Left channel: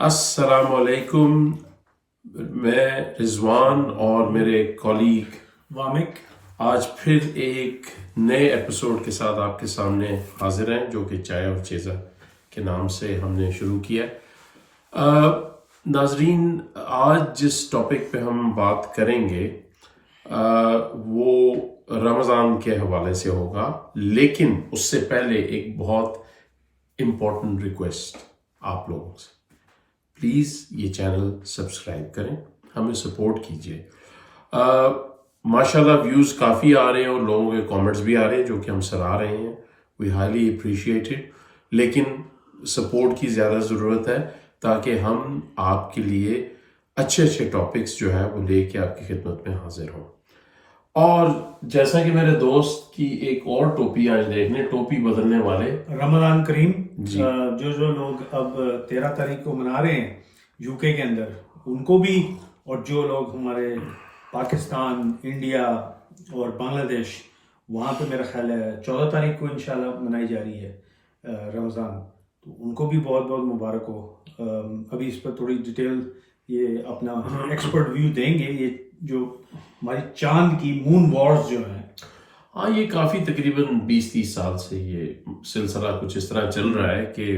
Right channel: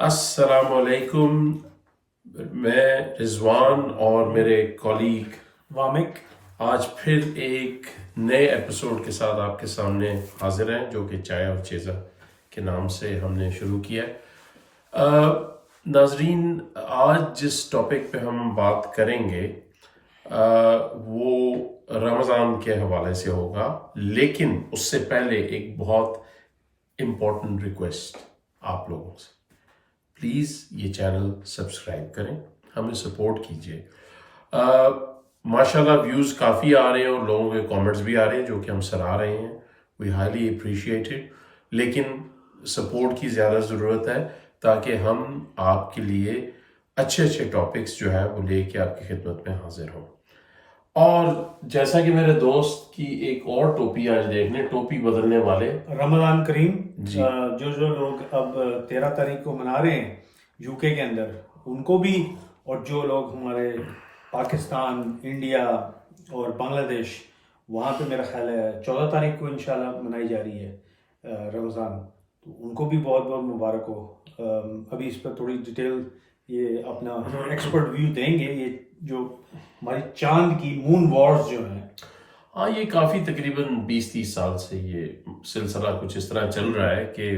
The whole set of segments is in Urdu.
السلام علیکم. میں رضوان اور میرے کولیگ وامک آج پھر ایک نئے ایپیسوڈ کے ساتھ آپ کے سامنے حاضر ہیں، جو کہ چائے اور چیزا کے نام سے ہم نے شروع کیا ہے. ناظرین، آج جس ٹاپک پہ ہم بات کریں گے وہ رمضان کے حوالے سے ہوگا، لیکن اس سے پہلے ایک بہت امپورٹنٹ ریکویسٹ آپ لوگوں سے. پلیز یہ چینل سبسکرائب کریں، ہمیں سپورٹ کیجیے. ماشاءاللہ ویوز کافی آ رہے ہیں اور لوگوں کے کامنٹس بھی آ رہے ہیں جو کہ ہم سراہ رہے ہیں. وی ہائیلی اپریشیٹ اٹ، لیکن سپورٹ کی زیادہ ضرورت ہے تاکہ ہم آپ کے لیے اچھے ٹاپکس جو ہے وہ لے کے آپ کی خدمت میں حاضر ہوں. اور جیسا کہ میرے دوست کی ایک اور ٹوپی آج دیکھنے، ٹوپی بدلنے والے رمضان کریم. جی. جو لوگ اب 13 تاریخ کو منا رہے ہیں یو کے اندر، ان کو بھی، اور جو لوگ ہمارے پاکستان، انڈیا اور بنگلہ دیش، وہاں پہ میرا خیال ہے 14 تاریخ کو انشاءاللہ منائی جا رہی ہے رمضان، تو ان کو بھی بہت بہت مبارک ہو. ابھی اس پر تھوڑی ڈیٹیل یہ اپنا ایکسپرٹ ویو دیں گے. یہ جو ہماری چاند کی مون وارز جو ہیں، ہاں، یہ کافی تقریباً 20-30 سال سے یہ سلسلہ کچھ اس طرح چل رہا ہے کہ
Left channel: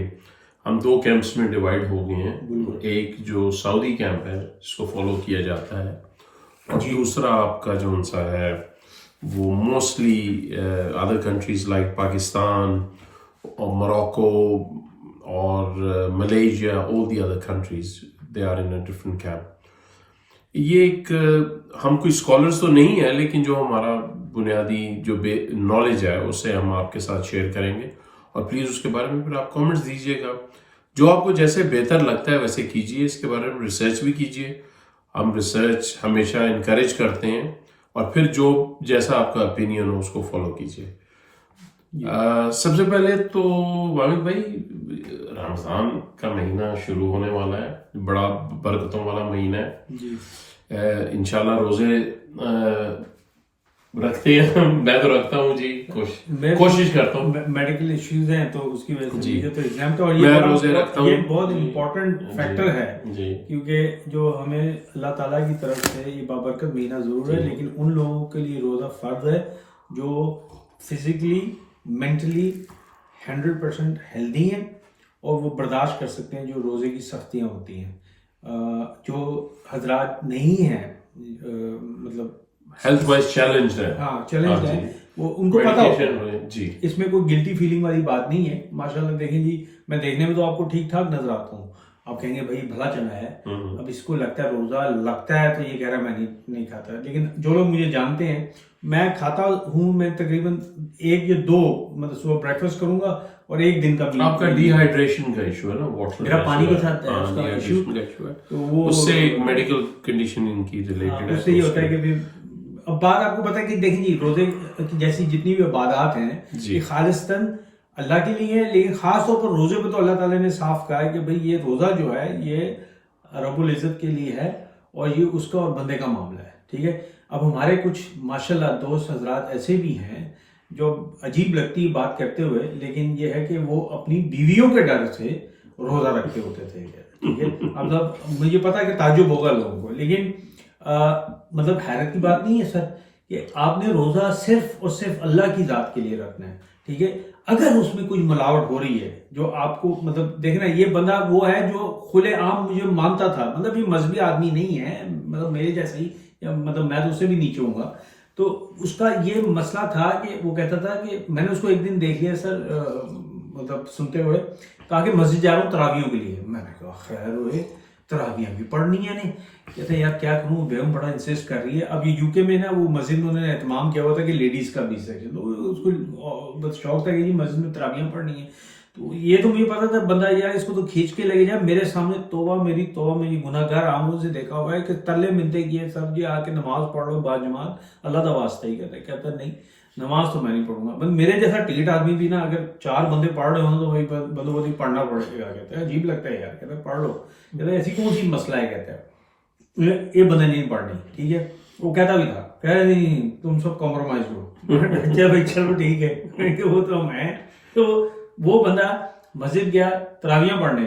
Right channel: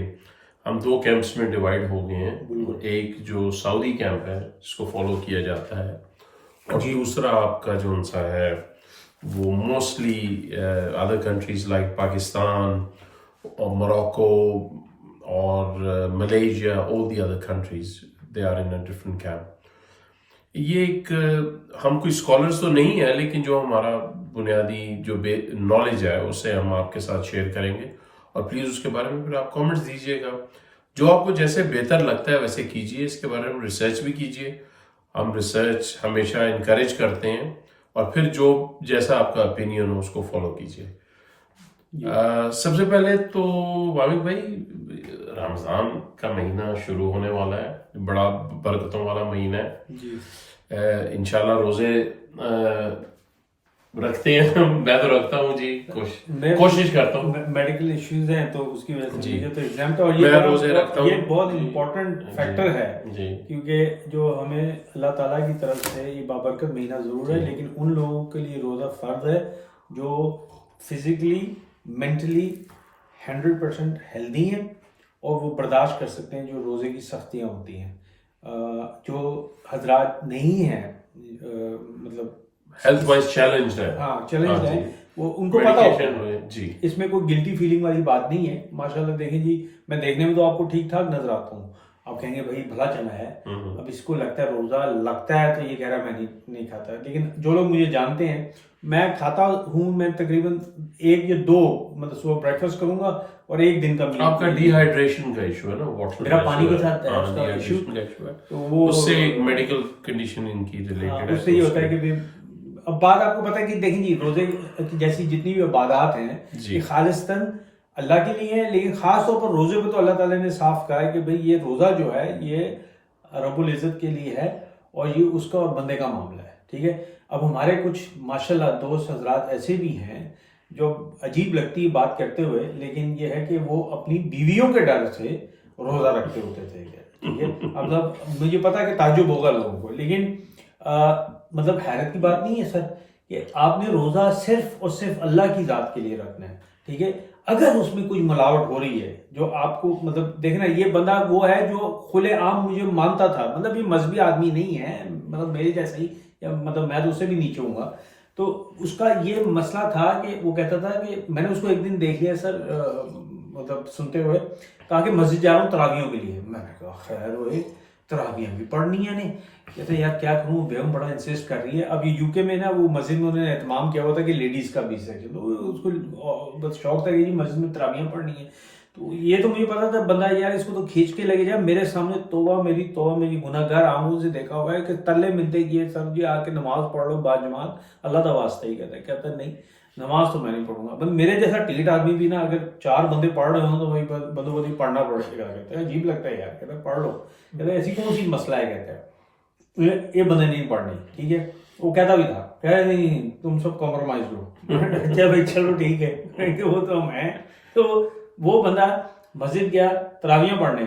ہم دو کیمپس میں ڈیوائیڈ ہو گئے ہیں. ایک جو سعودی کیمپ ہے جس کو فالو کیا جاتا ہے، اور دوسرا آپ کا جو سا ہے وہ mostly other countries like Pakistan اور موراکو اور Malaysia, all the other countries they are in a different camp. یہ ایک ہم کوئی اسکالرس تو نہیں ہے، لیکن جو ہمارا بنیادی جو نالج ہے اسے ہم آپ کے ساتھ شیئر کریں گے. اور پلیز اس کے بارے میں پھر آپ کامنٹس دیجیے گا، جو آپ کو جیسے بہتر لگتا ہے ویسے کیجیے. اس کے بارے میں ریسرچ بھی کیجیے، ہم ریسرچ ہمیشہ انکریج کرتے ہیں. اور پھر جو جیسا آپ کا اپینین ہو اس کو فالو کیجیے. سب سے پہلے تو وامک بھائی، رمضان کا مہینہ شروع ہونے والا ہے، بڑا برکتوں والا مہینہ ہے. انشاءاللہ روزے رکھتے ہیں، میں تو رکھتا ہوں جی، کوشش کرتا ہوں. میڈیکل ایشوز ہیں تو اس کی وجہ سے جی. مجھے تو ایگزامٹ، اور میں روزے رکھتا ہوں. یہ بہت امپورٹنٹ فیکٹر ہے جی. کیونکہ جو ہمیں اللہ تعالیٰ کی طرف سے یہ بابرکت مہینہ ضرور ہے، لیکن ان لوگوں کے لیے روزہ فرض ہے جو فزیکلی مینٹلی 100% ہیلدی ہیں اور وہ برداشت کر سکتے ہیں جو روزے کی سختیاں ہوتی ہیں. جو حضرات نہیں ہیں مطلب ہیلتھ وائز چیلنج ہے، ہاں چیلنج ہے، وہ ان کو پتا ہوتا ہے. جی. اس میں کوئی گلٹی فیلنگ والی بات نہیں ہے. ماشاءاللہ دیکھیں جی، میں دیکھنے میں تو آپ کو ٹھیک ٹھاک نظر آتا ہوں، آپ کہیں گے بھائی بھلا چنا ہے، اب اس کو لگتا ہے روزہ لگتا ہے تو یہ کہہ رہا ہے میں نہیں کھاتا. لیکن جو لوگ مجھے جانتے ہیں، میں کھاتا ہوں. میں تقریباً 1 یا 2 مطلب صبح بریکفاسٹ کروں گا اور 1 دن کا آپ کا ڈی ہائیڈریشن کا ایشو ہے نا، واٹر میرا پانی کے ساتھ ایشو، تو وہ اس سے ایک میڈیکل کنڈیشن ان کی ریلیٹڈ ہے. اس سے یہ ہوتا ہے کہ اب بات آپ کو پتا ہے کہ دیکھیں جی، روزے جیسی جتنی بھی عبادات ہیں یہ خالصتاً اللہ کے لیے ہے، لیکن خاص طور پر روزے پہ تو اللہ تعالیٰ نے صاف کہا ہے کہ بھئی یہ روزہ جو ہے یہ رب العزت کے لیے ہے اور یہ اس کا اور بندے کا معاملہ ہے. ٹھیک ہے. اب ہمارے کچھ ماشاءاللہ دوست حضرات ایسے بھی ہیں جو عجیب لگتی ہے بات کرتے ہوئے، لیکن یہ ہے کہ وہ اپنی بیویوں کے ڈر سے روزہ رکھتے ہوتے تھے. ٹھیک ہے. مطلب مجھے پتا ہے کہ تعجب ہوگا لوگوں کو، لیکن مطلب حیرت کی بات نہیں ہے سر کہ آپ نے روزہ صرف اور صرف اللہ کی ذات کے لیے رکھنا ہے. ٹھیک ہے. اگر اس میں کوئی ملاوٹ ہو رہی ہے جو آپ کو مطلب دیکھنا، یہ بندہ وہ ہے جو کھلے عام مجھے مانتا تھا، مطلب یہ مذہبی آدمی نہیں ہے، مطلب میرے جیسا ہی، مطلب میں تو اس سے بھی نیچے ہوں گا. تو اس کا یہ مسئلہ تھا کہ وہ کہتا تھا کہ میں نے اس کو ایک دن دیکھ لیا سر مطلب سنتے ہوئے، کہا کہ مسجد جا رہا ہوں تراویحوں کے لیے. میں نے کہا خیر ہوئے، تراویحیں بھی پڑھنی ہے نہیں. کہتے ہیں یار کیا کروں، بیگم بڑا انسسٹ کر رہی ہے. اب یہ یو کے میں نا وہ مسجد میں انہوں نے اہتمام کیا ہوا تھا کہ لیڈیز کا بھی سیکشن، تو اس کو بس شوق تھا کہ جی مسجد میں تراویحیں پڑھنی ہے. تو یہ تو مجھے پتا تھا بندہ یار اس کو تو کھینچ کے لگے جا. میرے سامنے توبہ میری گناہ گار آنکھوں سے دیکھا ہوا ہے کہ تلے ملتے کیے سر جی آ کے نماز پڑھ لو با جماعت، اللہ کا واسطہ ہی کہتا ہے نہیں نماز تو میں نہیں پڑھوں گا. میرے جیسا ٹھیٹ آدمی بھی نا اگر 4 بندے پڑھ رہے ہوں تو وہی بندوں پڑھنا پڑے گا. کہتا ہے عجیب لگتا ہے یار، کہتا ہے پڑھ لو. کہتا ہے ایسی کون سی مسئلہ ہے، کہتا ہے یہ بندے نہیں پڑھنے. ٹھیک ہے. وہ کہتا بھی تھا کہ نہیں تم سب کمپرومائز کرو. اچھا بھائی چلو ٹھیک ہے، وہ تو ہم ہیں. تو وہ بندہ مسجد گیا تراویحیں پڑھنے.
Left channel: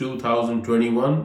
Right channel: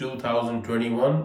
2021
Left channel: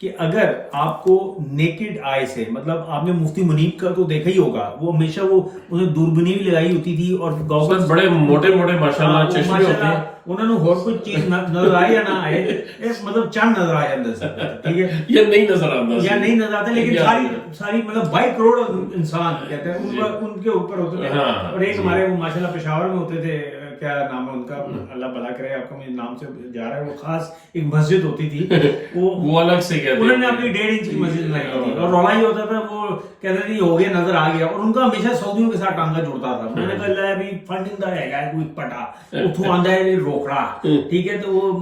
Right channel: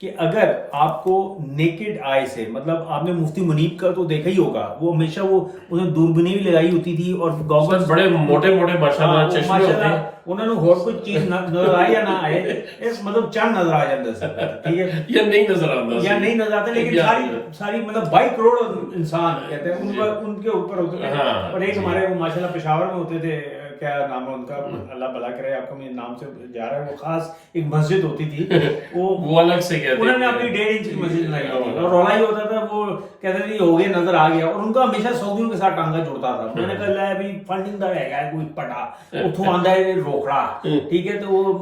کہ اگر آپ کو نیکڈ آئی سے، مطلب آپ نے مفتی منیب کا تو دیکھا ہی ہوگا، وہ ہمیشہ وہ انہیں دوربینی بھی لگائی ہوتی تھی اور سر بڑے موٹے موٹے ماشاءاللہ چشمے ہوتے ہیں، انہوں نے اور کوئی چیز نظر آئے یا نہ آئے، مطلب چند نظر آ جاتا سر، ٹھیک ہے، یہ نہیں نظر آتا، یا نہیں نظر آتا، لیکن ساری مطلب 22 کروڑ انسان کہتے ہیں ان کے اوپر ہوتے ہیں. اور ایک ہمارے ماشاءاللہ پشاور میں ہوتے تھے، کیا نام ہے ان کا، اللہ بھلا کرے، آپ کو مجھے نام سے جا رہا ہے، وہ خاص ایک مسجد ہوتی تھی، وہ الگ سے کہتے ہیں، انہوں نے اپنی 1.5 انچ کی مسجد بنائی تھی اور رولا ہی ہوتا تھا، وہ کہتے تھے ہو گیا نظر آ گیا، اور ان کا ہمیشہ سعودیوں کے ساتھ ٹانگا جڑتا تھا. میں نے کہا اللہ ابھی فنڈنگ دا رہ گیا ہے کوئی پٹا اتوں آندا ہے روکڑا، ٹھیک ہے، تو وہ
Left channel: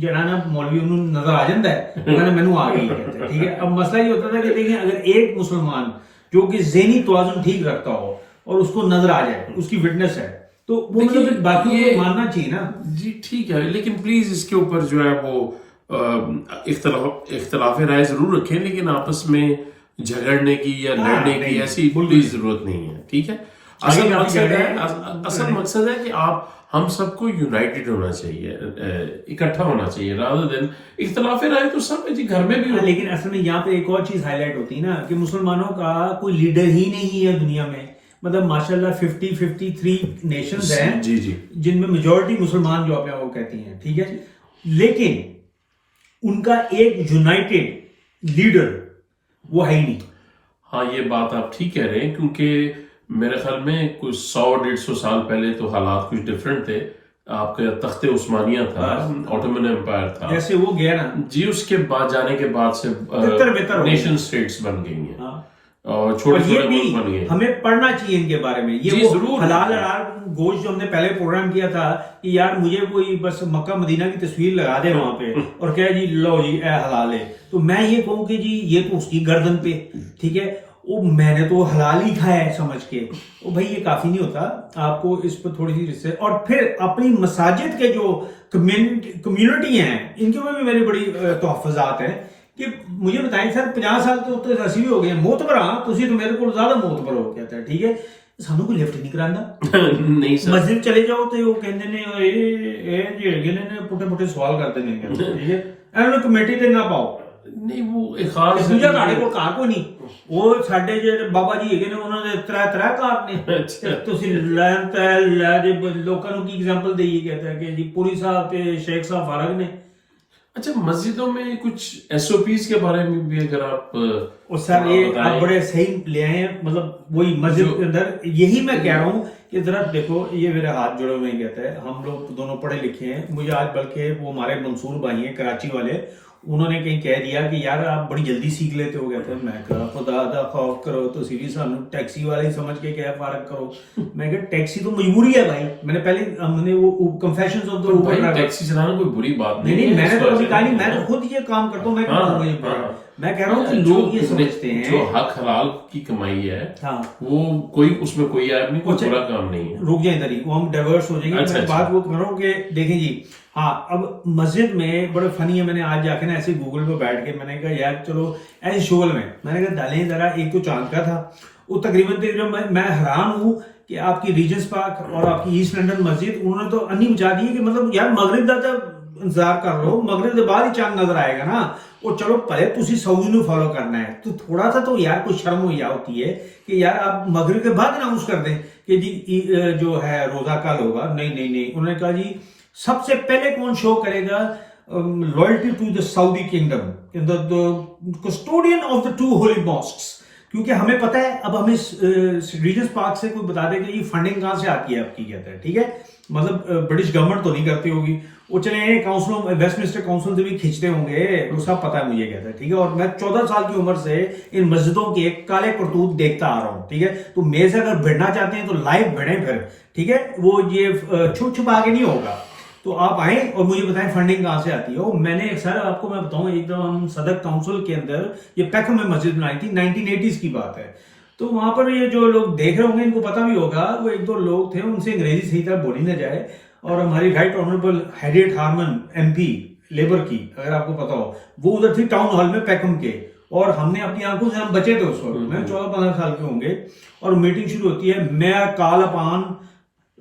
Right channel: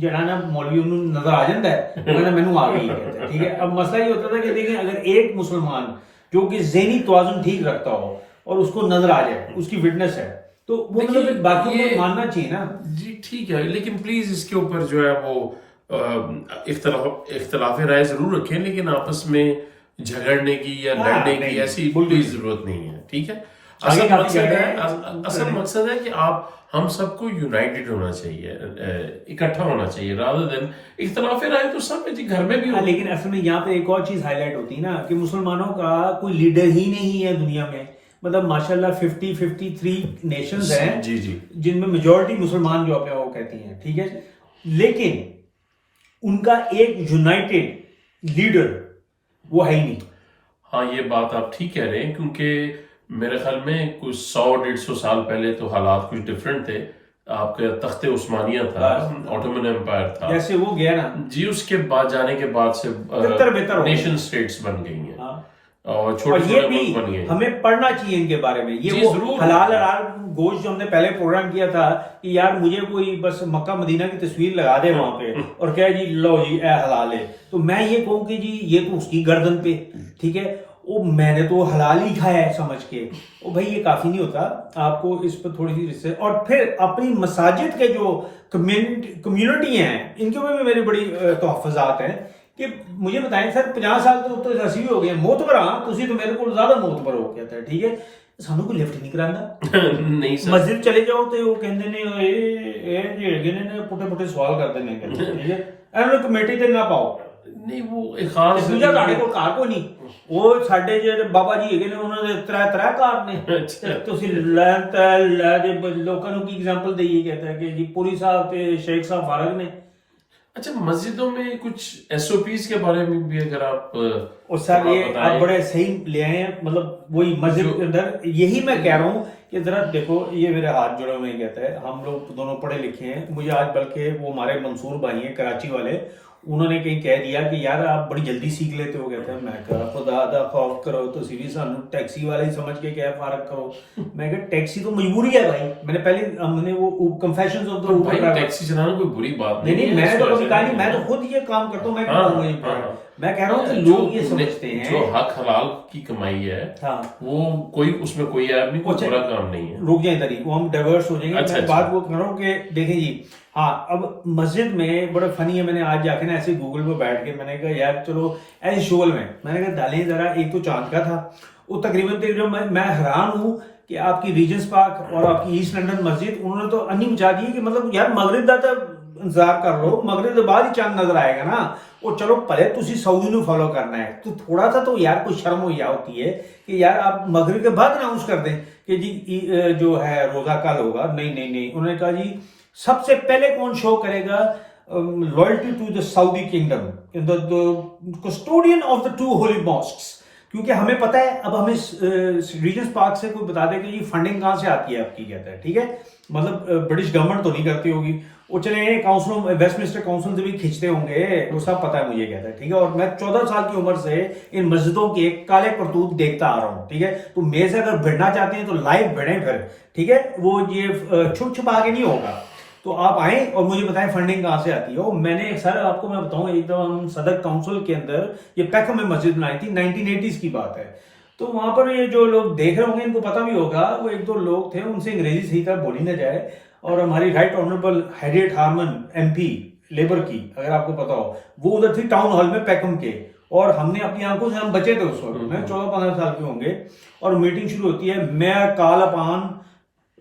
جرانا مولوی انہوں نظر آ جاتا ہے، میں نے مینوں آ گئی، ٹھیک ہے. اب مسئلہ یہ ہوتا تھا کہ دیکھیں اگر ایک مسلمان جو کہ ذہنی توازن ٹھیک رکھتا ہو اور اس کو نظر آ جائے، اس کی وٹنس ہے، تو وہ مطلب باقیوں کو ماننا چاہیے نا. جی ٹھیک ہے، لیکن پلیز اس کے اوپر جو ہے وہ اختلاف رائے ضرور رکھیں، لیکن آپس میں جھگڑنے کی یا لڑنے کی ایسی کوئی ضرورت نہیں ہے، ٹھیک ہے. اصل مقصد ہے کہ ہم سب کو یونائٹڈ ہونا چاہیے، اکٹھا ہونا چاہیے، rather than اختلاف رائے تو سب جی گھر میں بھی ہو. لیکن اصل میں یہاں پہ ایک اور چیز ہائی لائٹ ہوتی ہے نا کہ مسلمانوں کا کوئی لیڈر ہی نہیں ہے دنیا میں، مطلب ماشاءاللہ 53 نیشنز ہیں جی جی جن میں میجورٹی مسلمان جو اپنے وہ کہتی ہیں، ٹھیک ہے، لیکن ان کا ایک یونائٹڈ لیڈر وہ ہے ہی نہیں. ہاں یہ بات آپ ٹھیک کہہ رہے ہیں، کیونکہ میرے خیال میں کچھ 100-150 سال پہلے تو حالات کچھ ڈیفرنٹ تھے. آپ کا تخت عثمانیہ تھا، آٹومن امپائر تھا، جیسے وہ گیا نا جی، اس کے بعد جانے کے بعد سے نیشن اسٹیٹس بن گئی ہیں اور چھوٹے چھوٹے ملک بن گئے. ہمیں پڑھنا چاہیے ان کے بارے میں، یہ ضرور حلال حرام گوشت جو ہم نے پہلے پروگرام کیا تھا کہ یار مجھے کوئی بس مکہ مدینہ کی تصویر لگا دے وہاں پہ اور کہا جی لو جی اے حلال ہے، تو میں یہ کہوں کہ جی یہ تو اس کی گردن پہ، ٹھیک ہے، وہ میں نے تو حلال ہی کھایا ہے سمجھ کے، وہ بھائی یہ کافی نہیں ہوتا، آپ کو اس پر تھوڑی سی رسے. اور پھر اپنی مساجد کے جو کمیونٹی ہیں ان کے اوپر بھی میری بڑی تحفظات ہیں کہ مجھے بتائیں سر 50 سال تو ایسے بھی ہو گئے موتبر، ہاں تسی تو میرے کو زیادہ موتبر ہو کہتا ہے، ٹھیک ہے، سانو کوئی لفٹ نہیں کرانا نہیں سر، مسجد چلے جاؤ تو وہ کہندے نے اے نے پٹے پٹے سوال کرتے ہیں، ٹھیک ہے، ایویں کمیٹی تے نہ پاؤ. نہیں وہ ایک خاص دوجا تہاڈے کول کار کوئی نہیں، وہ ساڈے جڑے بابا جی ہیگے نے انہاں دے ترے کار نے، تسی لے دے لوکاں نوں کی ایگزامپل دئیے، کہتا ہے کہ جی پوری صاحب تے شیخ صاحب فارغ نے. اچھا مسجدوں میں کچھ ایس او پیز کے بارے میں بھی اگر آپ اور سر یہ آپ بڑے صحیح لے آئے ہیں، مطلب وہی مسجد کے اندر یہی میں کہہ رہا ہوں کہ ذرا دیکھو یہ میرے ہاتھ جڑے ہوئے کہتا ہے، ہم لوگ دونوں پڑھے لکھے ہیں، مجھے آج بلکہ وہ ہمارے منصور بھائی ہیں کراچی والے، انہوں نے کہیں کہہ دیا کہ یار آپ بڑی جلدی سیکھ لیتے ہو، کہتے ہیں میں کہا خدا دا خوف کرو تو سی بھی سانو ٹیکسی والے سمجھ کے کیا فارغ کرو. میں کہا ٹیکسی تو مجبوری ہے بھائی، میں نے پہلے ہم نے وہ کنفیشنز آف دا بھائی ٹیکسی چلانا کوئی بری بات نہیں، میں نے تو کبھی کہا نہیں، میں تو خود یہ کام کرتا ہوں، میں کہتا ہوں میں کہہ رہا ہوں کہ لوگ یہ سمجھتے ہیں جو حق حلال کی کمائی ہے وہ کوئی اس میں کوئی عیب نہیں، کوئی برا کام نہیں ہے. رک جائیں ادھر وہ ہم ڈائیورس ہو جائیں گے. میں بات وہ کر رہا ہوں کہ دیکھیں جی ہاں اب مسجد میں بڑے فنی ہے، میں نے آج جا کے نا ایسے گوگل پہ بیٹھ کے میں نے کہا یار چلو ایسے شغل میں نے کہا ڈالیں ذرا، ایک تو چاند کا تھا وہ تقریباً میں حیران ہوں کہ آپ کی ریجنس پارک اور آپ کی ایسٹ لنڈن مسجد انہوں نے تو انی بچا دی کہ مطلب یار مغرب دا تو انتظار کر لو، مغرب کے بعد ہی چاند نظر آئے گا نا. وہ چلو پہلے تسی سعودی نو فالو کرنا ہے تو تھوڑا سا تو یار کوئی شرم ہوئی ہوتی ہے کہ یار آپ مغرب کے بعد اناؤنس کر دیں کہ جی جو ہے روزہ کل ہوگا. نہیں انہوں نے کہا جی سب سے پہلے کون شو کرے گا loyalty to the Saudi kingdom, custodian of the 2 holy mosques. کیونکہ ہمیں پتہ ہے اب ہمیں ریجنس پارک سے کوئی بتا دے کہ یہ فنڈنگ کہاں سے آتی ہے آپ کی، کہتا ہے ٹھیک ہے، مطلب برٹش گورنمنٹ تو نہیں کرتی ہوگی، وہ چلے کاؤنسل ویسٹ منسٹر کاؤنسل سے بھی کھینچتے ہوں گے، وہ سب پتہ ہے مجھے، کہتا ہے ٹھیک ہے. اور میں 14 سال کی عمر سے ان مسجدوں کے کالے کرتوت دیکھتا آ رہا ہوں، ٹھیک ہے. تو میرے سے اگر بھیڑنا چاہتے ہیں تو لائیو بھیڑیں پھر، ٹھیک ہے، وہ یہ چھپا کے نہیں ہوگا. تو آپ آئیں اور مجھے بتائیں فنڈنگ کہاں سے آتی ہے. میں نے سر آپ کو میں بتاؤں ایک دفعہ ہم صدق کاؤنسل کے اندر یہ پیکھم میں مسجد بنائی تھی، 1980s کی بات ہے. تو وہاں پر یہ جو لوگ دیکھ رہے ہوں گے ان کو پتہ بھی ہوگا، وہ 1-2 لوگ تھے ان سے انگریزی صحیح طرح بولی نہ جائے، اور ہماری right honourable Harriet Harman MP labour کی اگر آپ کو پتا ہو وہ ادھر تھی ٹاؤن ہال میں پیکم کے، اور ہم نے اپنی آنکھوں سے ہم بچے تھے اس وقت، میں 14-15 سال کے ہوں گے، اور میٹنگ شروع ہوتی ہے میں کال اپان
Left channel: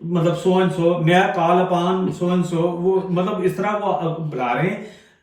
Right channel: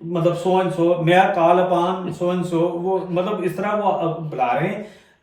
مطلب سو اینڈ سو، میں کال اپان سو اینڈ سو، وہ مطلب اس طرح وہ بلا رہے ہیں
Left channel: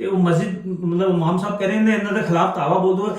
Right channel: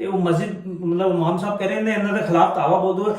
ਤੇ ਉਹ ਮਸਜਿਦ ਮਤਲਬ ਇਮਾਮ ਸਾਹਿਬ ਕਹ ਰਹੇ ਨੇ ਇਹਨਾਂ ਦੇ ਖਿਲਾਫ ਦਾਵਾ ਬੋਲ ਦੋ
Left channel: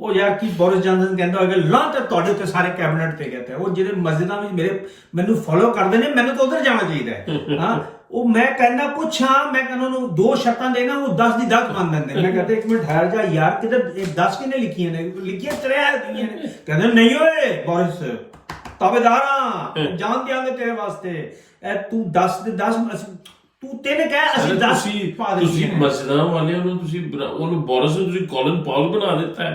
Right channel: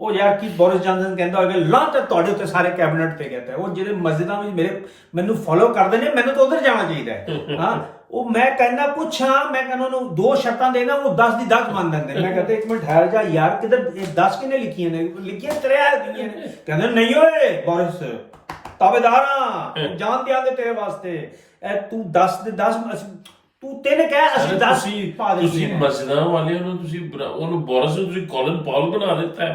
ਉਹ ਯਾਰ ਕੀ ਬੋਰਿਸ ਜੌਨਸਨ ਕਹਿੰਦਾ ਹੋਵੇ ਲਾਂਟ ਤੁਹਾਡੇ ਉੱਤੇ ਸਾਰੇ ਕੈਬਨਿਟ ਤੇ ਕਹਿੰਦਾ ਉਹ ਜਿਹੜੇ ਮਸਜਿਦਾਂ ਵਿੱਚ ਮੈਨੂੰ ਫੋਲੋ ਕਰਦੇ ਨੇ, ਮੈਨੂੰ ਤਾਂ ਉਧਰ ਜਾਣਾ ਚਾਹੀਦਾ ਹੈ। ਹਾਂ ਉਹ ਮੈਂ ਕਹਿੰਦਾ ਕੁਛ ਹਾਂ, ਮੈਂ ਕਹਿੰਦਾ ਉਹਨੂੰ 2 ਸ਼ਰਤਾਂ ਦੇਣਾ, ਉਹ 10 ਦੀ 10 ਮੰਨ ਦਿੰਦੇ। ਮੈਂ ਕਹਿੰਦਾ 1 ਮਿੰਟ ਠਹਿਰ ਜਾ ਯਾਰ, ਕਿਤੇ 10 ਕਿਨੇ ਲਿਖੀਆਂ ਨੇ, ਲਿਖੀਆਂ ਤੇਰੇ ਨੇ, ਕਹਿੰਦੇ ਨਹੀਂ ਓਏ ਬੋਰਿਸ ਤਾਬੇਦਾਰਾਂ ਜਾਨ ਦਿਆਂਗੇ ਤੇਰੇ ਵਾਸਤੇ, ਇਹ ਤੂੰ 10 ਦੇ 10 ਤੂੰ ਤਿੰਨ ਕਹਿ ਅਸੀਂ 10 ਪਾ ਦੇ। ਤੁਸੀਂ ਮਸਜਿਦਾਂ ਵਾਲਿਆਂ ਨੂੰ ਤੁਸੀਂ ਉਹਨੂੰ ਬੋਰਿਸ ਨੂੰ ਤੁਸੀਂ ਕੋਲਿਨ ਪਾਉਲ ਬਣਾ ਦਿੱਤਾ ਹੈ,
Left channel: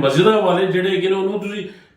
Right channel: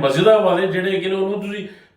ਮਸਜਿਦਾਂ ਵਾਲੇ ਜਿਹੜੇ ਹੈਗੇ ਨੇ ਉਹਨੂੰ ਤੁਸੀਂ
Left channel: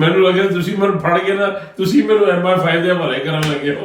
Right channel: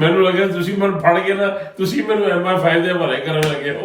ਮੈਨੂੰ ਲੱਗਿਆ ਤੁਸੀਂ ਮੈਨੂੰ ਫੜ ਕੇ ਨਾ ਤੁਸੀਂ ਮੈਨੂੰ MI5 ਦੇ ਹਵਾਲੇ ਕਰਨ ਲੱਗੇ ਹੋ।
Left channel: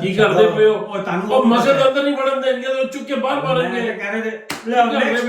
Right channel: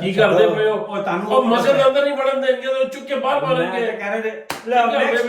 ਕੀ ਕਰਦੇ ਪਏ ਹੋ, ਉਹ ਮਸਜਿਦ ਅੰਦਰ ਨਹੀਂ ਵੜਨ ਦੇਣਗੇ ਤਾਂ ਚੁੱਕ ਕੇ ਬਾਹਰ ਮਾਰਨਗੇ।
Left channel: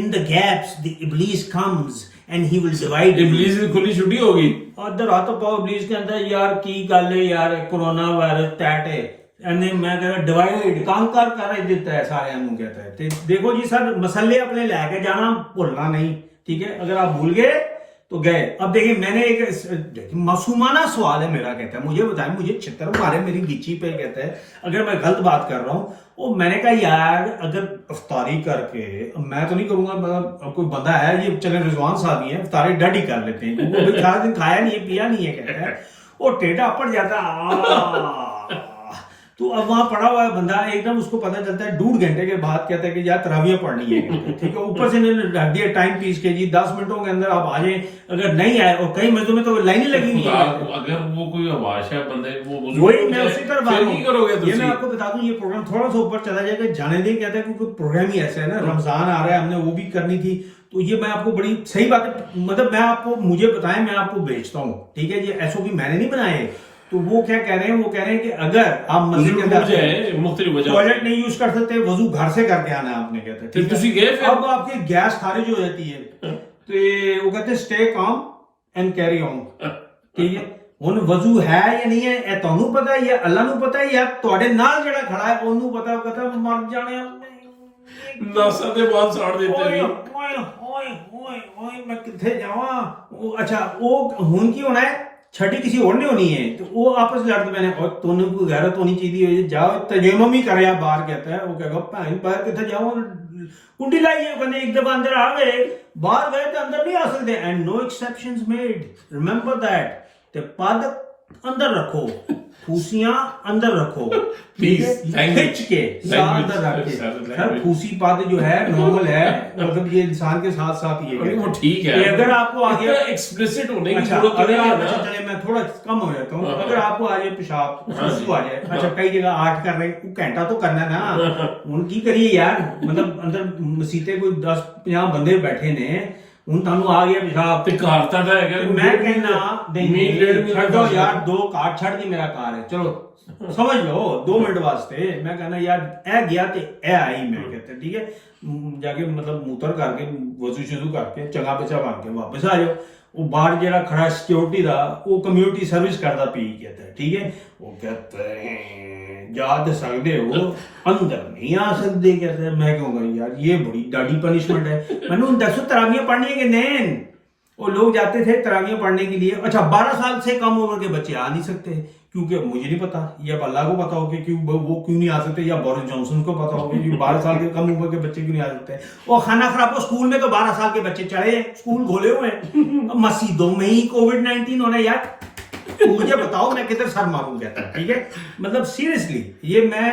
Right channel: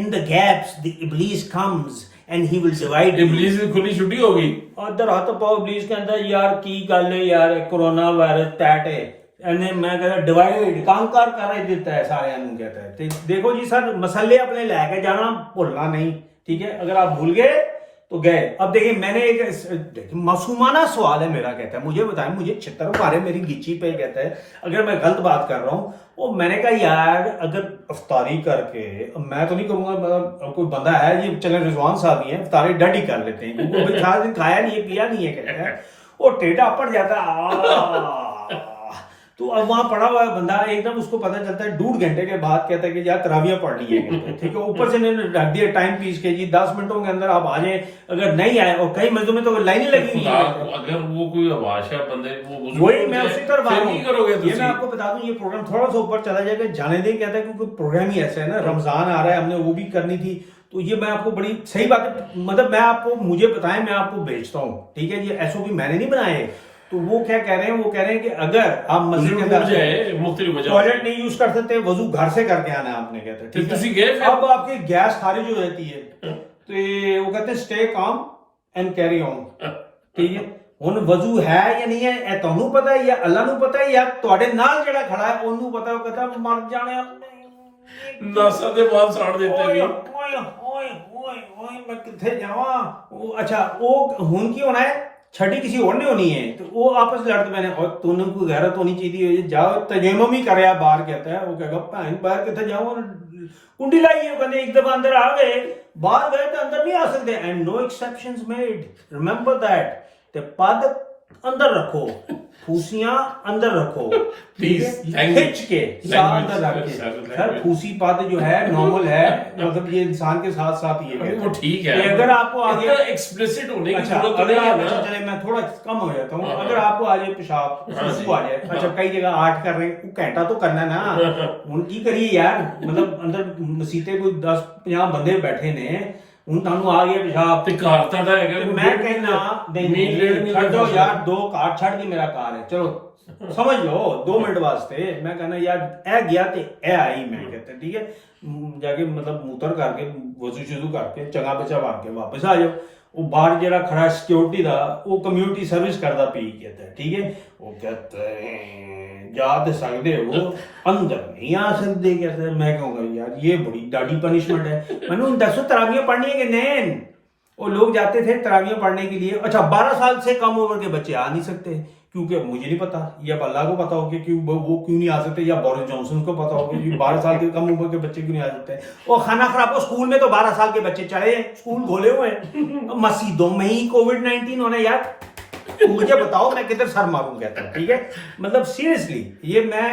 in the gaps the iblis comes and he will divide you. ابلیس کی کھلی چھٹی ہوگی. ادھر ہاتھ پاؤ ابلیس کہتا ہے یار کی گل ہے یار کرونا وائرس ٹیٹ ہے میں کہہ رہا ڈیوائڈ کانکر کر دیتا ہے سارے نوں کہتا ہے. دیکھو جی سر مسئلے اپنے لے کے جانا بھولنا نہیں, ٹھیک ہے, اگر آپ بھول گئے تو گئے. اب دیکھیں میں نے ایک معصومانہ سوال ہے میرا, کہتا ہے مجھے بتائیں, مجھے چھتر مارے میری گچی پہ, کہتا ہے اگر میں غلط بات کر رہا ہوں. وہ میں نے کہا یار اگر افطاری کر کے, میں تو نہیں کروں گا, مطلب کوئی بندہ ہے یہ چلے رضوان صاحب ہی ہیں, افطاری ڈڈ ہی کر لیتے ہیں, وہ بھی سارا دن کھایا نہیں ہے پیا نہیں ہے, کہتا ہے وہ ٹیٹا پڑ جاتا. تو اب وہاں پڑا ہوا ہے بندہ, ایک دم اس کو پتہ چلتا ہے 2.5 گھنٹے کے بعد کہتا ہے کہ یار تراویح پڑھنی ہے, ٹھیک ہے, اوپر سے رکھ دیا ٹائم پیس کے جی 10 منٹوں کے اندر آپ آ جائیں. اگر نہیں آئے, اور کئی مسجدوں میں تو لائنیں لگی ہوئی ہیں, اگر وہ کوئی بادشاہ بندے وہی میں اسی طرح پھر نہیں کرو گے. یہ میں آپ کو بتا دوں یہ پروگرام تھوڑا سا اوپر چلا جائے گا, جانے دیں, کہتا ہے کہ کوئی پروگرام ہی ایسا ہے نا, رمضان آ رہا ہے, ہم نے وہ بھی کرنی تھی. تو یہ میں آپ کو بڑی صحیح بات ہے, مطلب میں آپ کو, مجھے بتائیں میں آپ کو بھیجتا ہوں, ٹھیک ہے, یہ ایس او پی میں نے نہیں بنائے. تو وہ کیا کہہ رہے ہیں, وہ کہہ رہے ہیں کہ اگر آپ مسجد کے اندر مختلف وجہ ٹوائلٹ نہیں یوز کر سکتے, وضو گھر سے کر کے آنا ہے آپ نے, کہتے ہیں اب آپ کی گیس خارج ہو جاتی ہے. تو وہ کہتے ہیں stay calm and carry on, ٹھیک ہے. ہن وضو ہے یا نہیں ہے اے تانوں پتہ ہے یا اللہ نوں پتہ ہے یا تواڈے نال جڑا کھڑا ہے اونوں پتہ, وہ کہتا مر جانے ناسا دے بال ساڑ دیتے ہیں. میں کتنے جاواں. اچھا وہ ہن کی ہونا ہے, چھٹی کسی اور نے ہونی ہے, تو وہ آپس لڑتے میں نے تو نے کوئی غیرت ہونی چاہیے, جاؤ تجمم ہی کریا باہر, کہتا ہے وہ کہے گا بھین باہر کتنے جاؤں, کنڈی لائی ہے, کہنے ایک دفعہ اندر آ گئے, باہر گئے تو اندر نہیں آ سکتے. And no exceptions made, remember that. تے پد اندر رکھو, پھوسیاں اندر رکھو, پلیز کھچ کے ساتھ اندر رکھ کے. سر پھوسی پد جو ہے نارمل ہے, مطلب یہ انسان کے ساتھ ساتھ یہ ہے, وہ ٹھیک ہے. اگر آپ کو آگے ایکسپلیسٹ ہونے کی ضرورت نہیں ہے نا, میں تھوڑا کم ہو جاتا ہوں, اگر آپ کو آ جائے پیشاب آ جائے, اچھا کئی جگہ 8 کر رہے ہیں, گھنٹہ تو کرنا نا, ان کی کریے یار, مطلب اندر مسیطے کوئی 10-50 بندے بیٹھے نے, ہوں تانوں آ گیا پیشاب تے کار تاڈا ہے کہ میں کہنا نہیں چھڈو یار, 2 کار چھڈ کے میرا کار ہے, چلو سمجھ لو 2 منٹ واسطے. میں کہنا یار اے گیا تے اے آئی, میں کہتا ٹھیک ہے, جا کے مطلب موتر کر کے وضو شضو کر کے چنگا بچا مار کے واپس آ جاؤ. وہ باہر جڑا کھڑا سیکورٹی دا, وہ کمیونٹی سروس کردا پی, کہتا ہے ٹھیک ہے, وہ کہتے ہیں یاد سکدے ہو اندر نہیں آ سکتے, کہتے ہیں. میں کہوں گا یار یہ بڑی ڈاڈی پنشمنٹ ہے. میں نے 10 تراویح پڑھنی ہے کہ نہیں, وہ لوگ جاتے تھے تراویح پڑھنے کے لیے. اچھا 12 سال سے کم عمر کے بچے آ نہیں سکتے, کیونکہ مجھے نہیں پتا, یا اللہ کو پتا ہوگا کہ وہ کیوں نہیں آ سکتے, یا بورس جانسن کو پتا ہوگا کہ 12 سال کے کم عمر کے بچے کیوں نہیں آ سکتے. وہ کھانا خراب ہو, اسکول میں تو 12 سال کے بچے چڑھے ہیں, اسکول کھولے ہوئے ہیں, مسجدوں میں ہی کووڈ-19 ہونا. یار مجھے بتاؤ میں کدھر سر ماروں, کہتا ہے ٹھیک ہے. مطلب سیریسلی یہ میں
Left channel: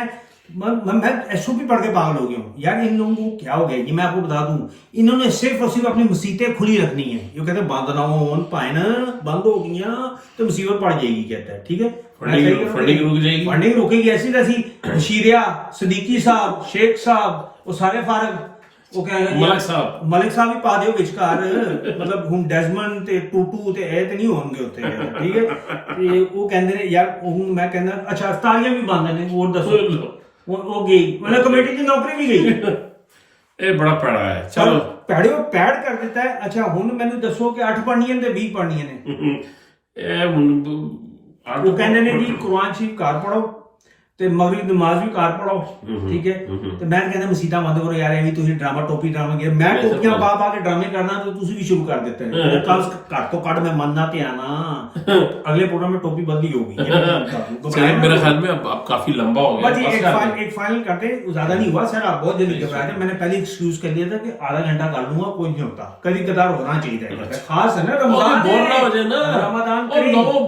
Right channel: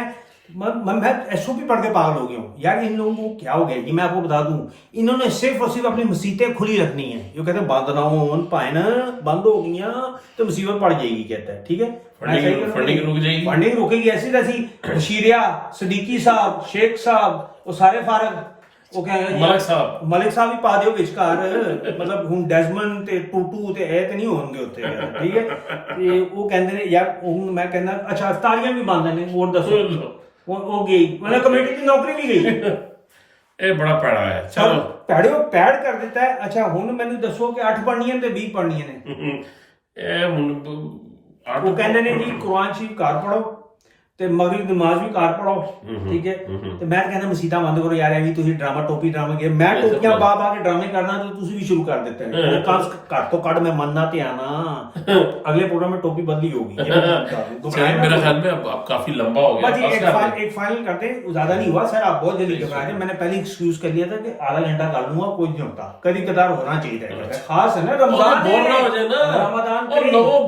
ایس او پی پڑھ کے پاگل ہو گیا ہوں یار. ان لوگوں کو کیا ہو گیا یہ میں آپ کو بتا دوں, انہوں نے صرف اور صرف اپنی مسیطیں کھلی رکھنی ہیں. یہ کہتے ہیں بند نہ ہون, پائن بند ہو گئیاں تو مصیبت پڑ جائے گی, کہتا ہے ٹھیک ہے. فنڈنگ رک جائے گی, فنڈنگ رکے گی ایسی تیسی. بشیریا, صدیقی صاحب, شیخ صاحب, وہ سارے فارغ, وہ ملک صاحب ہی پا دیو وچکار, مطلب ہن ڈیزمنڈ تے ٹوٹو تے اے تے نہیں ہون گے اوتھے, ٹھیک ہے. وہ کہندے نے یار, میں کہنا اچھا افطاریاں بھی بند نے, اور دسو وہ گئی مطلب کمیٹی کی نوکری بھی گئی. اے بڑا پیڑا ہے, چلو پیڑ کر دیتا ہے. اچھا ہن مینوں دسو کہ 8 پڑھنیاں تے 20 پڑھنیاں نے. وہ کہندے نے جی قرآن شریف گھر پڑھو تے مغرب نماز بھی گھر پڑھو, ٹھیک ہے. تے میں کہنا مسیطاں بند کرو یار, ایویں تسی ڈرامہ ٹوپی ڈرامے گے, میں ٹوپیاں پا کے ڈرامے کرنا تو تسی بھی شروع کر دیتے ہیں. کل گھٹ تو کٹ میں مننا تے آنا, اگلے پروگرام میں ٹوپی بدلی ہوگی. چلیں میرا خیال میں اب کافی لمبا ہو گیا, ایک فائنل کرتے ہیں, زیادہ نہیں ہوا سر, آپ بہت دیر گھبرائے تھے. میں نے پہلے ایکسکیوز کر دیا تھا کہ آدھا گھنٹہ کر لوں گا, کوئی نہیں ہوتا, کبھی کبھار ہونا چاہیے, خاص ہے نا رمضان. بور نہ ہو جائے نا, رمضان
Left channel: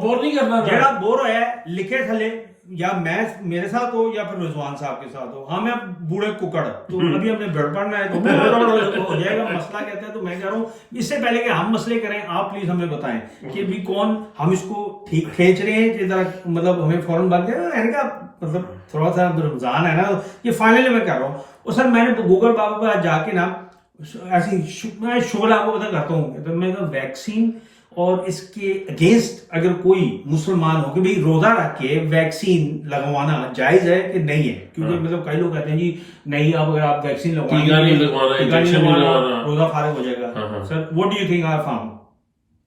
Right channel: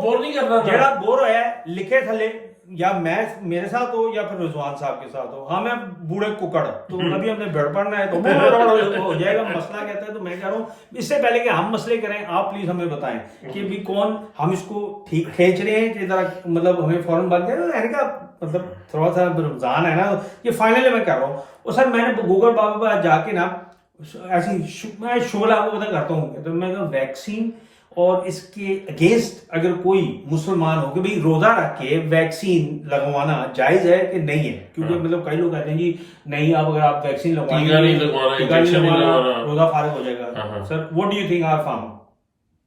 بور نہیں کرنا, جڑا بور ہوا ہے لکھے تھلے, یا میں میرے ساتھ ہو یا پھر رضوان صاحب کے ساتھ ہو. ہاں میں بوڑھے ککڑ, تو ابھی ہم نے بھیڑ پڑنا ہے تو ہو جائے گا مسئلہ, کہتا ہے. تو میں کہہ رہا ہوں اس سے پہلے کہ ہم مسئلے کریں, آپ پلیز ہمیں بتائیں کہ بھی کون ہم اس کو کھینچ رہے ہیں کہ مطلب ہمیں فوراً بند ہے کا, مطلب تھوڑا سا رمضان ہے نا, یہ فائنل میں کر رہا ہوں. اور سر میں نے گوگل بابا پہ جا کے نا ایسی میں شغل آپ کو پتا کرتا ہوں, تو میں کہا ویکسین اور اس کے اگینسٹ اگر کوئی مسلمان ہو کہ بھئی روزہ رکھ کے ویکسین لگوانا جائز ہے کہ نہیں ہے، کیونکہ مطلب کئی لوگ کہتے ہیں جی نہیں اگر آپ ویکسین ٹیکا نہیں لگوانا، انجیکشن نہیں لگوانا، روزہ فارغ ہو جائے گا. Sir what do you think are form?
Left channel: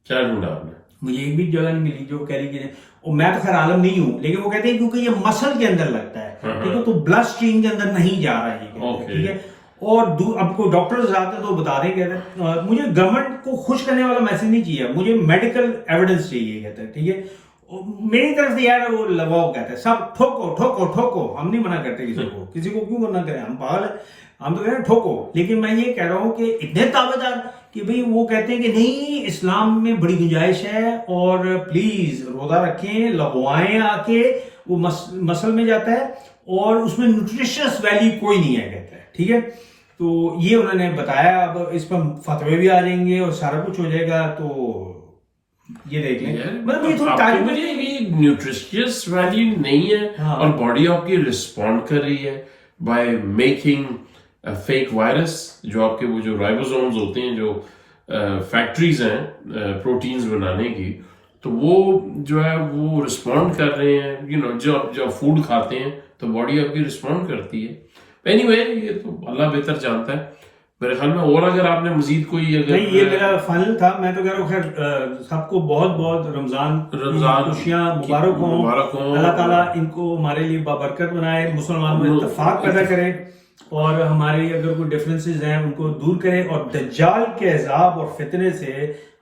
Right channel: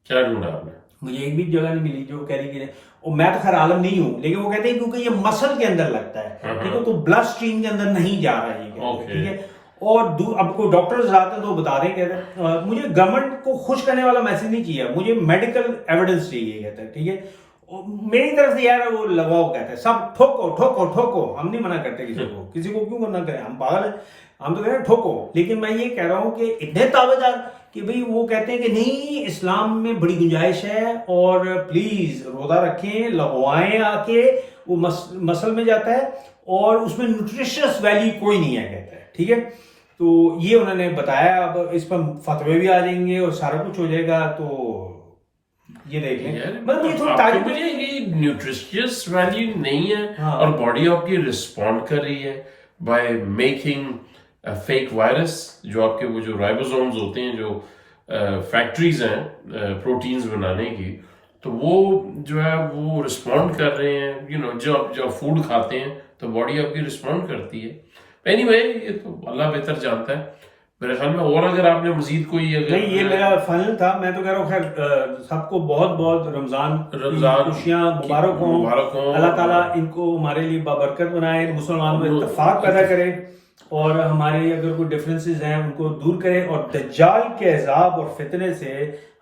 کیا ڈھونڈا آپ نے؟ مجھے ایک بھی جگہ نہیں ملی جو کہہ رہی کہ میں تو خیر عالم نہیں ہوں، لیکن وہ کہتے ہیں کیونکہ یہ مسل کے اندر لگتا ہے، ٹھیک ہے، تو بلڈ اسٹریم کے اندر نہیں جا رہا ہے، ٹھیک ہے. اور اب کوئی ڈاکٹرز آتے ہیں تو بتا دیں، کہتے ہیں مجھے گورنمنٹ کو خوش کرنے والا میسج نہیں چاہیے، مجھے میڈیکل ایویڈنس چاہیے، کہتا ہے ٹھیک ہے. میری طرف سے یار وہ لگاؤ، کہتا ہے سب ٹھوکو ٹھوکو ٹھوکو، ہم نہیں منع کرتے کسی کو کیوں کرنا کریں، ہم پاگل ہیں، ہم تو کہہ رہے ہیں ٹھوکو. لیکن میں یہ کہہ رہا ہوں کہ اتنے تابع دار کہ بھئی وہ کہتے ہیں کہ نہیں اسلام میں بڑی گنجائش ہے اور پلیز روزہ رکھیں، لگوائیں، آ کے وہ مسل میں جاتا ہے اور اس میں نیوٹریشنس ویلیو کوئی نہیں ہے، کہتا ہے ٹھیک ہے. تو یہ انہوں نے بتایا، اب اس پر فتوے بھی آ جائیں گے اور سارا کچھ ہو جائے گا. تو یہ دیکھ لیں نیوٹریشنس ویلیو نہیں ہے اور باڈی آپ کی رسپونڈ کر رہی ہے بائی میکنگ فیک وائرس، جو آپ کے وہ جو رائبوزومز ہوتے ہیں، جو فیکٹریز ہیں پروٹینز بنانے کی، تو وہ جو ہے وہ رسپونڈ کر رہے ہیں. جب فوڈ کھاتے ہیں تو باڈی آپ کی رسپونڈ کرتی ہے. اینی وے یہ تو اللہ بہتر جانتا ہے میرے خیال میں. اور اگر آپ نے مزید کوئی اگر یہ میرا فائنل تھا، میں تو کہہ رہا ہوں خیر سب کو بہت بہت رمضان خوشیاں مبارک ہوں. اللہ تعالیٰ ان کو ہمارے لیے بابرکت بنائے، مسلمانوں میں اتفاق پیدا کرے اور ہمارے اگر کوئی ڈفرینسز ہیں ان کو دور کرے اور دجال کے عذاب اور فتنے سے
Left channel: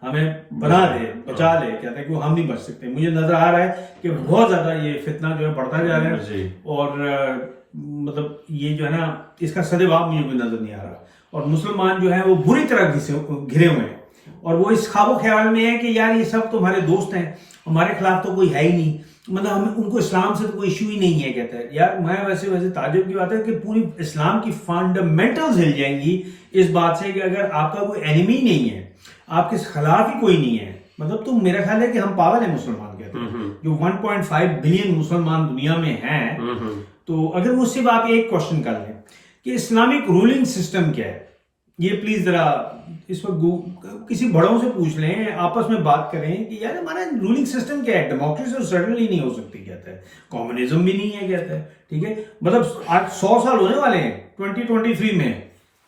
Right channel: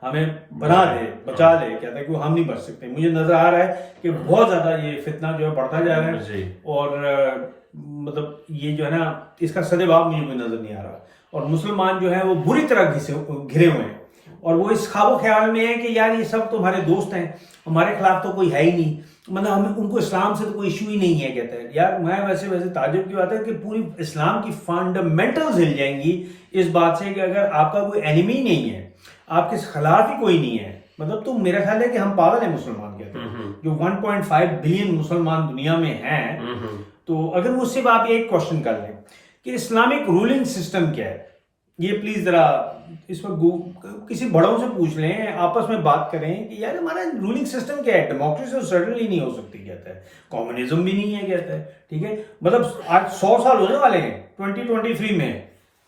ہمیں بنا دے، بچا لے. کہتا ہے کہ ہم نہیں بچ سکتے. مجھے نظر آ رہا ہے کہ بہت زیادہ یہ فتنہ جو ہے بڑھتا جا رہا ہے اور مطلب یہ جو ہے نا اس کا سدباب مجھے کوئی نظر نہیں آ رہا. اور مسلمان جو ہے وہ بری طرح گھرے ہوئے ہیں اور وہ اس خواب و خیال میں ہے کہ یار یہ سب تمہارے دوست ہیں، ہمارے خلاف تو کوئی ہے ہی نہیں، مطلب ہم ان کو اسلام سے تو کوئی ایشو ہی نہیں ہے. کہتا ہے یار میں ویسے تعجب کی بات ہے کہ پوری اسلام کی فنڈامنٹلز ہل جائیں گی اس بات سے کہ اگر آپ کا کوئی اینیمی نہیں ہے، آپ کے خلاف ہی کوئی نہیں ہے. مطلب تو میرا خیال ہے کہ ہم پاگل ہیں مسلمان، کہتے ہیں جو 1.5 بلین مسلمان دنیا میں ہیں. تو اگر مجھ سے آپ ایک کوشچن کر لیں کہ اسلامک رولنگ سسٹم کیا ہے، یہ پلیز ذرا اس وقت کسی بڑوں سے پوچھ لیں، آپس میں بات کریں کہ یار ہمارا رولنگ سسٹم کیا ہے. ڈیموکریسی تو سرٹنلی نہیں ہو سکتی، کہتا ہے کمیونزم بھی نہیں ہے، کہتا ہے ٹھیک ہے. مطلب آج 100 سال ہونے والے ہیں 2023 میں.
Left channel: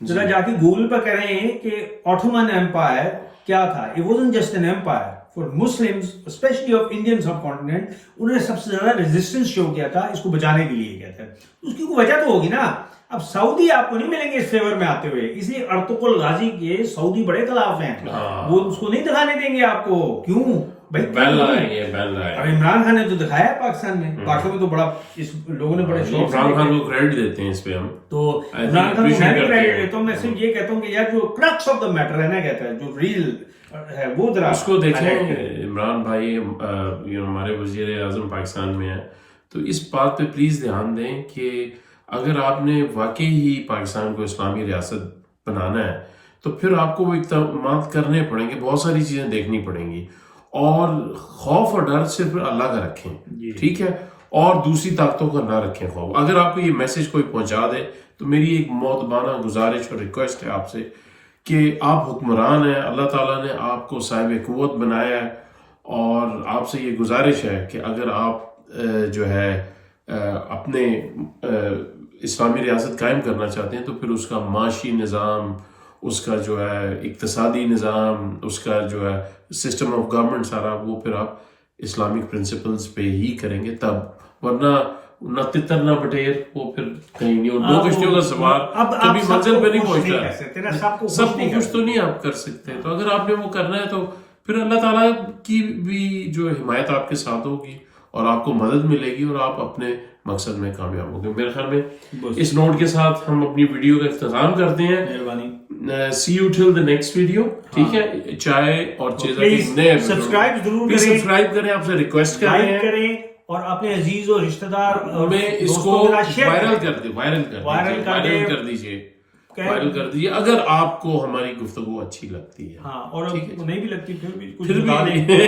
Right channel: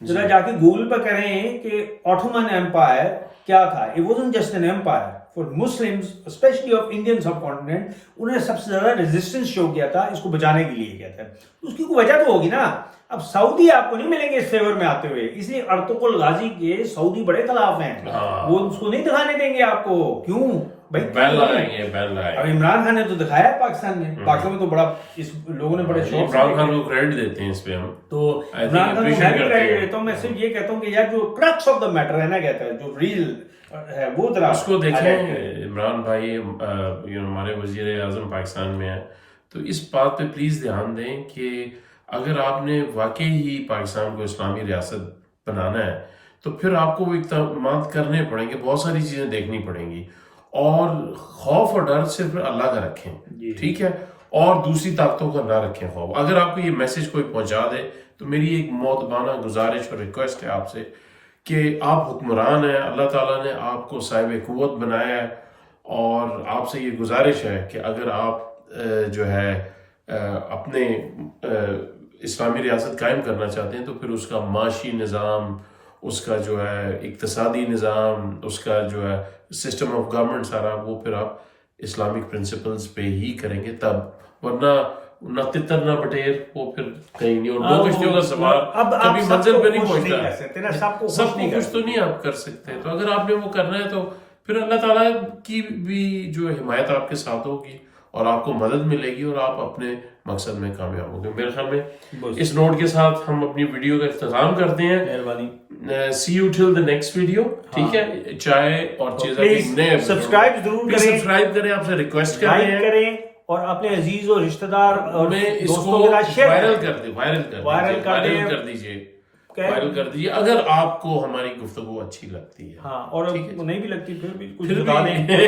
ذرا جا کے گوگل پہ کریں کہ آٹومن ایمپائر کیا تھا. It wasn't just an empire. For Muslims, especially of Indian subcontinent, انہوں نے سب سے زیادہ ریزسٹنس شو کیا تھا اس کو بچانے کے لیے، کہتے ہیں. اس کی کوئی وجہ تو ہوگی نا. اب سعودی آپ کو نہیں ملیں گے اس فیور میں آتے ہوئے، اس لیے ارطغرل غازی کے سعودی بڑے خلاف ہیں. وہ اس کو نہیں دکھانے دیں گے آپ کو. کیوں بھائی؟ بین لگائیں گے، بین لگائیں گے. عمران خان نے تو دکھایا پاکستان میں، پاکستان میں تو بڑا اس لوگوں نے بڑے شوق سے. عمران خان کو کریڈٹ دیتے ہیں اس پہ ہم، تو عمران خان کو میں بھی کریڈٹ دیتا ہوں. میں صرف یہ کہتا ہوں کہ یار جو کرکس آف دا میٹر ہے نا، کہتا ہے جو ریل ہے وہ ذرا اس کو دیکھیں. عمران بھائی ہمارے وزیر اعظم پاکستان میں ہیں، تو اس بات پہ پلیز دھیان دیں کہ اگر آپ نے واقعی ہی پاکستان کو اسلامی ریاست بنانا ہے تو پھر آپ کو وہ اقدامات کرنے پڑیں گے، بہت ساری چیزیں دیکھنی پڑیں گی، اور خوف اور ڈر صرف اللہ کا رکھیں، ٹھیک ہے، اور دوسری طاقتوں کا نہ رکھیں خوف. اگر آپ کو یہ میسج کوئی پہنچا دے تو میری ایک مؤدبانہ گزارش اور ریکویسٹ ہے آپ سے کہ آپ حکمران ہیں، اللہ تعالیٰ نے آپ کو صاحب قوت بنایا ہے، اور آپ سے یہ گزارش ہے کہ اگر آپ جو ہے اپنے اسلامی ریاست قائم کرنا چاہتے ہیں تو پھر اس کا معاشی نظام، اس کا جو ہے اقتصادی نظام، اس کا جو ہے سسٹم آف گورنمنٹ سارا، وہ پھر آپ اسلامک پرنسپلز پہ ہی کریں گے تب. ورنہ نہ تتر نہ بٹیر، وہ پھر کہیں نہیں. اور 2 کشتیوں کا سوار کبھی منزل پہ نہیں پہنچتا. سب کو کچھ تو نہیں آپ کر سکتے. تو اگر آپ نے وہ کرنا ہے تو پھر اللہ تعالیٰ کی بھی جو حمایت آپ کے ساتھ ہوگی اور آپ کو مدد ملے گی اور آپ اپنے مقصد میں کامیاب ہوں گے. میرے خیال میں اس نوٹ کے ساتھ ہم اپنی ویڈیو کا اختتام کرتے ہیں. See you till the next video. ٹھیک ہے، چائے اور نئے سبسکرائب کریں، آپ سے ریکویسٹ کر رہے ہیں، اور اپنے عزیز اور رشتہ دار میں اس کو وائرل کر دیجیے. فائل کر دیجیے اگر آپ کو ہماری گفتگو اچھی لگتی ہے. ہاں اور نہیں بھی لگتی پھر بھی کچھ پھر بھی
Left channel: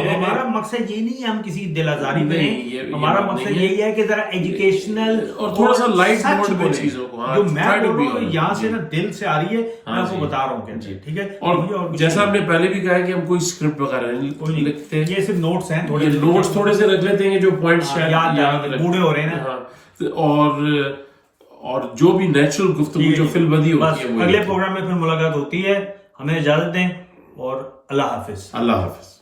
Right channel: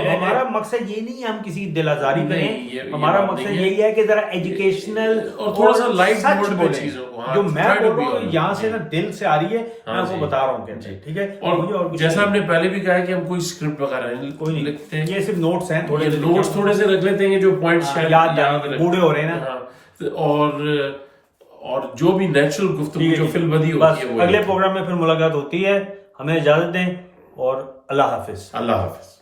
ہمارا مقصد یہ نہیں ہے ہم کسی دل آزاری میں نہیں، ہمارا مقصد یہی ہے کہ ذرا ایجوکیشنل اور تھوڑا سا لائٹ موڈ میں چیزوں کو جو میں بول رہا ہوں یہاں سے نا دل سے آ رہی ہے میں آپ کو بتا رہا ہوں کہ ٹھیک ہے. اور جیسا ہم نے پہلے بھی کہا ہے کہ ہم کوئی اسکرپٹ وغیرہ نہیں لکھتے, یہ صرف نوٹس ہیں, یہ نوٹس تھوڑے سے رکھ لیتے ہیں جو پوائنٹ شاید یاد رکھ بوڑھے ہو رہے ہیں اور جو بھی نیچرل گفتگو جو فی البدی ہوتی ہے وہ. اگلے پروگرام میں پھر ملاقات ہوتی ہے, ہمیں اجازت دیں اور اللہ حافظ. اللہ حافظ.